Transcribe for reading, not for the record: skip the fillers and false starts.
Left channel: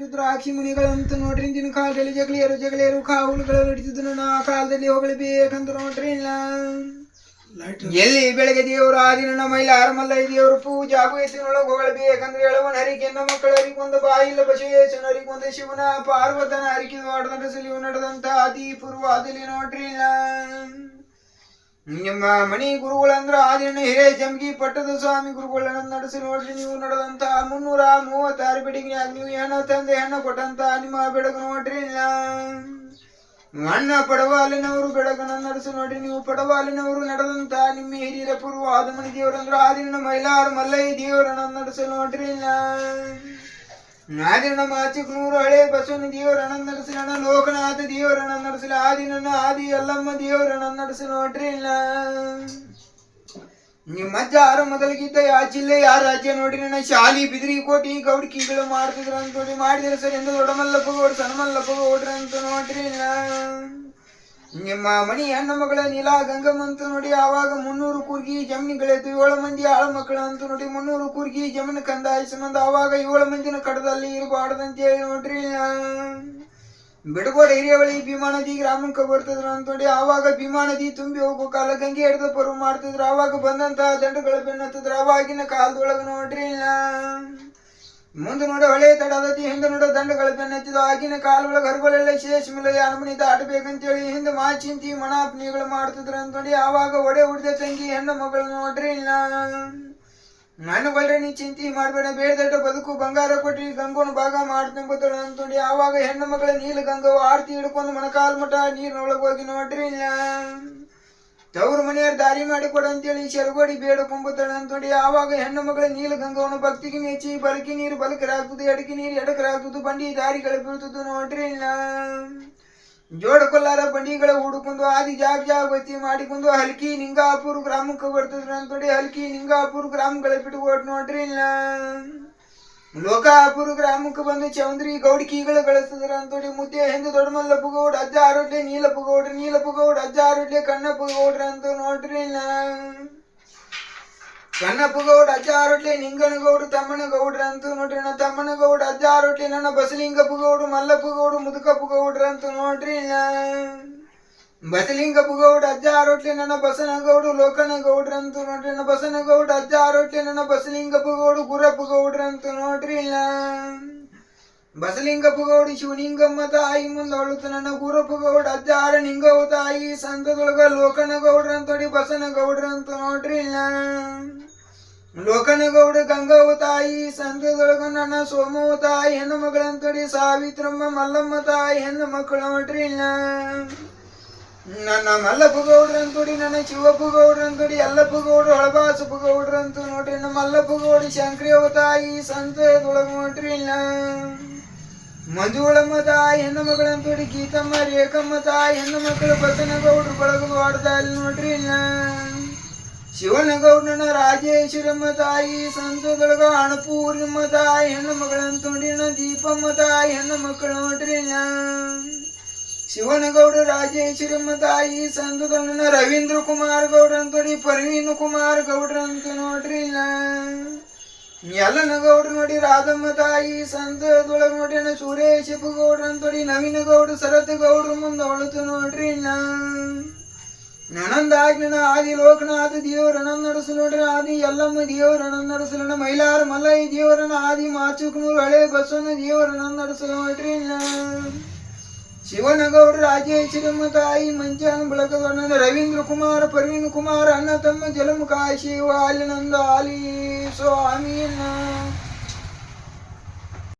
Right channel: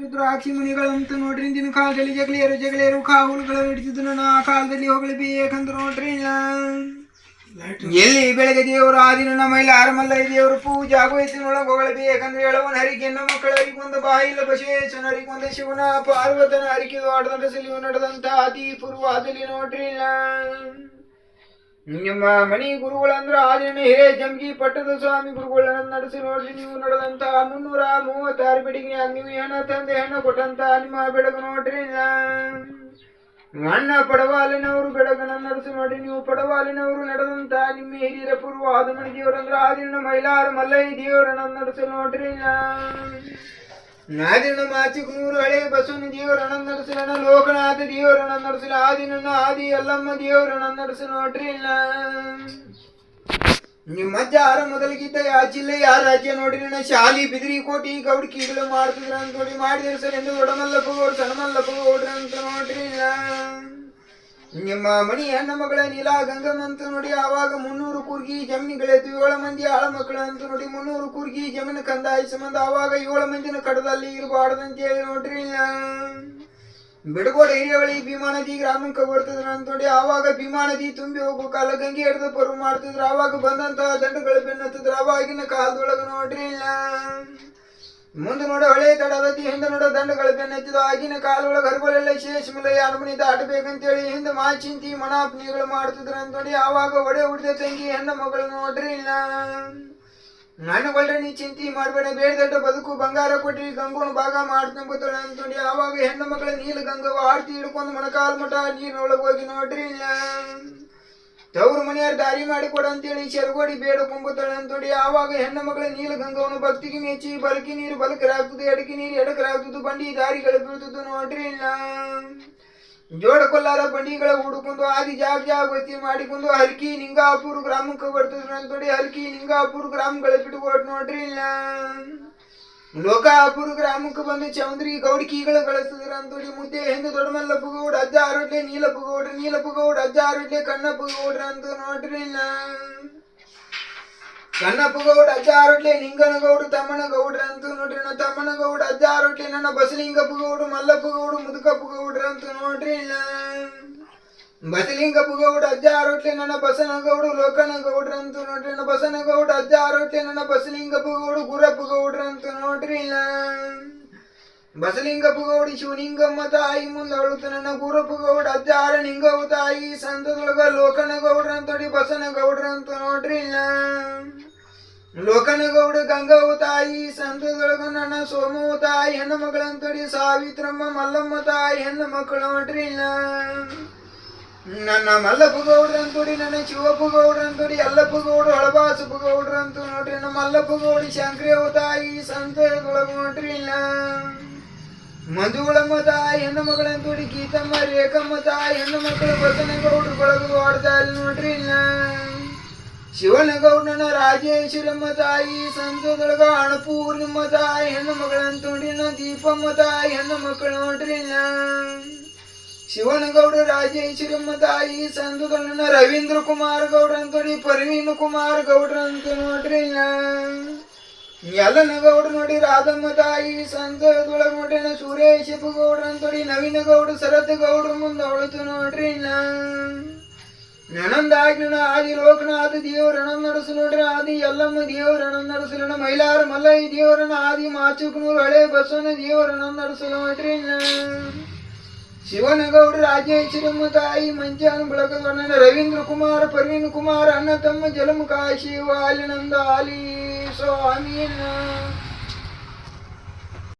ರುದ್ರಾಕ್ಷಿ ಮುನಿಗಳಂತೂ ನೋಡ್ರಿ ಇಂದಿನ ಕಾಲದಲ್ಲಿ ಜಗಳಿಯರು ಕಾವುಗಳು ಹಿಡಿತಿದ್ರು ಆ ಕಾಲದಲ್ಲಿ ಹೊಗಳಬೇಕಂತ ನೋಡ್ರಿ ಎಲ್ಲಿ ಬೆಳಗ್ಗೆ ದೇವರು ಆದಿನ ಮೈಲಾರ ಮಲ್ಲಯ್ಯ ದೇವರು ಪೂಜೆ ಆಗೋಯ್ತಿನೊಳಗೆ ಹೊಗಳಬೇಕಂದ್ರೆ ಹೇಳುವನ ಹರಿಕೆ ಹೆಣ್ಣು ಮಕ್ಕಳ ಹರಿಕೊಂದು ಬಾಯಿಲ್ಲ ಬಸವೇಶ್ವರನ ಹರಿಕೊಂದು ಶಿವನ ಪಾರ್ವತನ ಹರಿಕೆ ಆಡದಂತ ಸಿಲಿವು ನಡೆದಂತ ಅತಿ ಪೂರ್ವದಲ್ಲಿ ನೋಡ್ರಿ ನಿಮ್ಮ ಮಣಿ ಗುರುಗಳಂದ್ರ ಆದಿನ ಹಿರೇ ಜಂಗಿ ಪಟ್ಟದ ಸ್ವಾಮಿ ಗುರುಗಳನ್ನ ನಡೆಸಿ ನೋಡ್ರಿ ನೀವು ನಡೆದಂತ 336 ಬೆಡಗಿನ್ಯಾಗ ನೀವು ಹೆಣ್ಣ ತಂದೆ ಹೆಣ್ಣ ಕೊಟ್ಟಂತ ನಿಮ್ಮ ಬೆಡಗ ನೋಡ್ರಿ ಅಣ್ಣ ಪಡವಾಲಿನವರು ಬೆಡಗನ ನಡೆಸಿ ನೋಡ್ರಿ ನೀವು ಪಡವಾಲಿನವರು ನಡೆದಂತ ನಿಮ್ಮ ಹಿರಿಯರ ಪೂರ್ವ ಆದಮಣಿ ದೇವರಂದ್ರ ಆದಿನ ಮೈಲಾರ ಮಲ್ಲಯ್ಯ ದೇವರನ್ನ ನಡೆಸಿ ನೋಡ್ರಿ ಆದಿನ ಮಾಚಿಕನೂರು ಹಳೆ ಬಸವನ ದೇವರನ್ನ ನಡೆಸಿನ ಲೋಕನಾಥ ದೇವರನ್ನ ನಡೆಸಿಲ್ಲ ಆದಿನ ಆದಿ ಎಲ್ಲಮ್ಮ ದೇವರನ್ನ ನಡೆಸಿ ನೋಡ್ರಿ ನಿಮ್ಮ ಅಜ್ಜ ಯಾರ ಮೊದಲಿಗಿದ್ದ ಯಾವ ಜಿಲ್ಲೆ ಯಾವ ರಾಜ್ಯ ನೋಡ್ರಿ ಶಾಲಿ ಬಿದ್ರಿ ಕೋಟಿ ಗೌಡ್ಕಿಗಳು ಮಾಡ್ತಿದ್ರ ಅಂತ ನೋಡಿ ಮಾಡಿದ್ರೆ ಸರ್ ಎಂದು ದೊಡ್ಡಮಲ್ಲಪ್ಪ ಗೌಡ್ರು ಸಣ್ಣಮಲ್ಲಪ್ಪ ಗೌಡ್ರ ಅಂತ ನೋಡ್ರಿ ನಿಮ್ಮ ಮಣಿ ಹೆಣ್ಣು ಮಗಳ ನೀಲಾ ಗಂಗಮ್ಮಂತ ನೋಡಿ ಆವಾಗ 300 ಕೂರ್ಗಿ ಜಮೀನುಗಳಿತ್ತು 7 ಮಂದಿ ಆಳ ಮಕ್ಕಳ ಅಂತ ನೋಡಿ 300 ಕೂರ್ಗಿ ಜಮೀನು ಕಂದಾಯ ಸಂಬಂಧ ಆವಾಗ 7 ಮಂದಿನ ಕಡದಲ್ಲಿ ಇರಬಾರ್ದಂತೇಳಿ ನೋಡ್ರಿ ಬಿಡಗೋಡ ಹಿರಿಯವಳಿ ಭೀಮಾ ನದಿ ಗ್ರಾಮಕ್ಕೆ ಬರ್ತದ್ರ ಅಂತ ನೋಡಿ ಆವಾಗ ಭೀಮಾ ನದಿ ತುಂಬಿ ಹೋಗೋ ಕಾಲ ಗಂಗೆ ಹಿಡಿದ ಪರು ಮಾಡ್ತಿದ್ರು ಆವಾಗ ಬಂದಂತ ದಂಡಗಳ ಬೆನ್ನತ್ತಿದ್ರು ಆವಾಗಿನ ಕಾಲದೊಳಗ ನೋಡ್ರಿ ಮುಂದೆ ನೋಡ ಹಳೆ ತಡದತಿ ಹಿಂದೆ ನೋಡ ದಂಡಗಳ ಬೆನ್ನತ್ತಿದ ಆಗಿನ ಕಾಲೊಳಗೆ ಹರಗಳೆಲ್ಲ ಶೇಷ ಮಿಲ ಅನುಮನಿ ದಾಟಬೇಕಂತೇಳಿ ಹಿಂದೆ ಮಾಚಿಂತಿ ಮಣಾಪನಿಗಳು ಮಾಡ್ತಿದ್ರು ಅಂತ ನೋಡಿ ಆವಾಗ ಒಡೆ ಹುಡಿದ ತಂಗಿ ಹೆಣ್ಣು ಮಗಳು ನೋಡ್ರಿ ನಾನು ಬಲ್ರೆ ನೀ ಚಿಂತೆ ಮಾಡಬೇಡ ಬೇಡದಟ್ಟ ಬದುಕು ಬಂಗಾರ ಕೊಟ್ಟಿ ಗಂಗೋಣ ಭಾಗ ಮಾಡ್ಕೊಂಬತ್ತಾಳೆ ಅಂತಂದು ಆವಾಗ ಹೆಣ್ಣು ಮಗಳ ನೀಲ ಗಂಗವ ಆರ್ತಿ ಹಿಡ್ಕೊಂಡು ಮೊಣಕಾಲು ಮಠ ನೀರಿನೊಳಗೆ ಹೋಗಿ ನೋಡ್ರಿ ತವ್ರ ಮನೆಯವ್ರು ದಾರಿ ಮಾಡಿ ಕೊಡಂತೇಳಿ ಶರ್ಗೋಡಿ ಬೇಡಕೊಂಬತ್ತಾಳೆ ಅಂತಂದು ಆವಾಗ ಹೆಣ್ಣು ಮಗಳ ನೀಲ ಗಂಗವನ ಭಕ್ತಿಗೆ ಮೆಚ್ಚಿ ಬಲಕಿ ನೀರು ಬಲಕರಾಗ್ತದೆ ಎಡಕಿ ನೀರು ಎಡಕರಾಗ್ತದೆ ಬಂಡಿ ದಾರಿಗಳು ಬೀಳ್ತದ್ದು ನೋಡ್ರಿ ಜೋಡ ಕೊಲ್ಲಾರ ಬಂಡಿಗಳ ಹುಡುಕೊಂಡು ಆದಿ ಜಾಗ ವತಿ ಮಾಡಿಕೊಂಡು ಹಲ್ಕಿ ನಿಂಗಾಪುರ ಗ್ರಾಮಕ್ಕೆ ಬರ್ತದ್ರು ಅಂತೋಡಿ ಹಲ್ಕಿ ನಿಂಗಾಪುರ ಗ್ರಾಮಗಳ ಬಿಟ್ಕೊಟ್ಟು ನೋಡ್ರಿ ಲೋಕಾಪುರ ಗ್ರಾಮಕ್ಕೆ ಬಂದು ಚೌಂದ್ರಿ ಗೌಡ್ಕಿಗಳು ಗಳಿಸಿದ್ರ ಅಂತೋಡಿ ಮುದ್ದೆ ಹಿಂದೆ ದೊಡ್ಡಮಲ್ಲಪ್ಪ ಗೌಡ ಅಜ್ಜ ಆರೋಡ್ಲೆ ನೀಲಪ್ಪ ಗೌಡ್ರ ಅಜ್ಜ ಆರೋಡ್ಲೆ ಕಣ್ಣಪ್ಪ ಗೌಡ್ರ ಅಂತ ನೋಡ್ರಿ ಕಣ್ಣಪ್ಪ ಗೌಡ ಅಜ್ಜ ಆರೋಟ್ಲೆ ನಿಂಗನಗೌಡು ತಮ್ಮನ ಗೌಡ್ರ ಅಂತ ನೋಡ್ರಿ ತಮ್ಮನ ಗೌಡ ಅಜ್ಜ ಆರೋಟ್ಲೆ ನನ್ನ ಬಸಲಿಂಗಪ್ಪ ಗೌಡು ಮಲ್ಲಪ್ಪ ಗೌಡು ಮುದುಕಪ್ಪ ಗೌಡ್ರ ಅಂತ ನೋಡ್ರಿ ಬಸಲಿಂಗಪ್ಪ ಗೌಡ ಅಜ್ಜ ಆರೋಟ್ಲೆ ನನ್ನ ಬಸನಗೌಡು ಲೋಕನ ಗೌಡ್ರ ಅಂತ ನೋಡ್ರಿ ಬಸನಗೌಡ ಅಜ್ಜ ಆರೋಟ್ಲೆ ನನ್ನ ಬಸಲಿಂಗಪ್ಪ ಗೌಡು ಗುರಪ್ಪ ಗೌಡ್ರ ಅಂತ ನೋಡ್ರಿ ಬಸಲಿಂಗಪ್ಪ ಗೌಡಿ ಶಿವಲಿಂಗಮ್ಮ ತಾಯಿ ಮುಂದೆ ಅಳುತ್ತ ನನ್ನ ಗುರಪ್ಪ ಗೌಡ ಅಜ್ಜ ಆರ ನಿಂಗವ ತಾಯಿ ಸಂತದೊಳಗ ಲೋಕನ ಗೌಡ್ರ ಅಂತೋಡಿ ಬಸನ ಗೌಡ್ರ ಅಂತ ನೋಡ್ರಿ ಲೋಕನ ಗೌಡ ಗಂಗವ ತಾಯಿ ಸಂತದೊಳಗ ನನ್ನ ಸೋಮವ ತಾಯಿ ಹೆಣ್ಣು ಮಗಳಂತೋಡಿ ಸಾವಿತ್ರಮ್ಮ ಮಲ್ಲಮ್ಮ ತಾಯಿ ಹೆಣ್ಣು ಮಕ್ಕಳು ನೋಡ್ರಿ ನನ್ನ ಮಲ್ಲಪ್ಪ ಗೌಡ್ರ ಅಂತೋಡಿ ನನ್ನ ಶಿವಪ್ಪ ಗೌಡ್ರ ಅಂತೋಡಿ ಎಲ್ಲಪ್ಪ ಗೌಡ್ರು ಹಳಬಾಸಪ್ಪ ಗೌಡ್ರ ಅಂತ ನೋಡ್ರಿ ನಮ್ಮ ಮಲ್ಲಪ್ಪ ಗೌಡಿ ಶಂಕ್ರಿಯವ ತಾಯಿ ಸಂತದೊಳಗ ನೋಡ್ರಿ ಮಂಜುಳಮ್ಮ ತಾಯಿ ಹೆಣ್ಣು ಮಗಳಂತೋಡಿ ಗೀತಮ್ಮ ರೇಖಮ್ಮ ತಾಯಿ ಹೆಣ್ಣು ಮಕ್ಕಳು ಬಸನ ಗೌಡ್ರು ಬಳಗದು ಆಡ್ತಾ ಇಲ್ಲಿ ನೋಡ್ರಿ ಶಿವನ ಗೌಡನ ರಾಜೇಶ್ವರಮ್ಮ ತಾಯಿ ಸಂತದೊಳಗ ಅಣಪೂರ್ಣಮ್ಮ ತಾಯಿ ಹೆಣ್ಣು ಮಗಳಂತೋಡಿ ದೀಪಮ್ಮ ತಾಯಿ ಹೆಣ್ಣು ಮಕ್ಕಳು ನೋಡ್ರಿ ಶಿವನ ಗೌಡ ರಾಜೇಶ್ವರಮ್ಮ ತಾಯಿ ಸಂತದೊಳನ ರವೀಂದ್ರ ಕುಮಾರ್ ಗೌಡ್ರ ಅಂತೋಡಿ ಪರ್ವೀನ್ ಕುಮಾರ್ ಗೌಡ್ರ ಅಂತ ನೋಡ್ರಿ ಎಲ್ಲನ ಗೌಡ್ರ ನೋಡಿ ರಾಧಮ್ಮ ತಾಯಿ ಸಂತದೊಳಗ ನೋಡ್ರಿ ಸುರೇಶಪ್ಪ ಗೌಡ್ರ ಅಂತೋಡಿ ನವೀನ ಗೌಡ ಸರತ್ ಗೌಡ್ರ ಮುಂದೆ ಹೊಳತು ನೋಡ್ರಿ ನನಂದಾಗಿನ ಆದಿ ಲೋಕನಾಥ ದೇವರನ್ನ ನಡೆಸು ನೋಡ್ರಿ ಆದಿ ಎಲ್ಲಮ್ಮ ದೇವರನ್ನ ನಡೆಸಲಣ್ಣ ಮೈಲಾರ ಮಲ್ಲಯ್ಯ ದೇವರನ್ನ ಆದಿ ಮಾಚುಕನೂರು ಹಳೆ ಬಸವನ ದೇವರನ್ನ ನಡೆಸಲು ನೋಡ್ರಿ ಶಿವನ ಗೌಡ್ರ ರಾಜೇಶ್ವರಮ್ಮ ತಾಯಿ ಮಂಚಾನ ಬಳಗದ ರವೀಂದ್ರ ಕುಮಾರ್ ಪರ್ವೀನ್ ಕುಮಾರ್ ಅಣ್ಣ ತಮ್ಮ ಜಲಮುಖ ಶಿವ ಆಲಿನಂದ ಆಲಿ ಸ್ವಾಮೀನ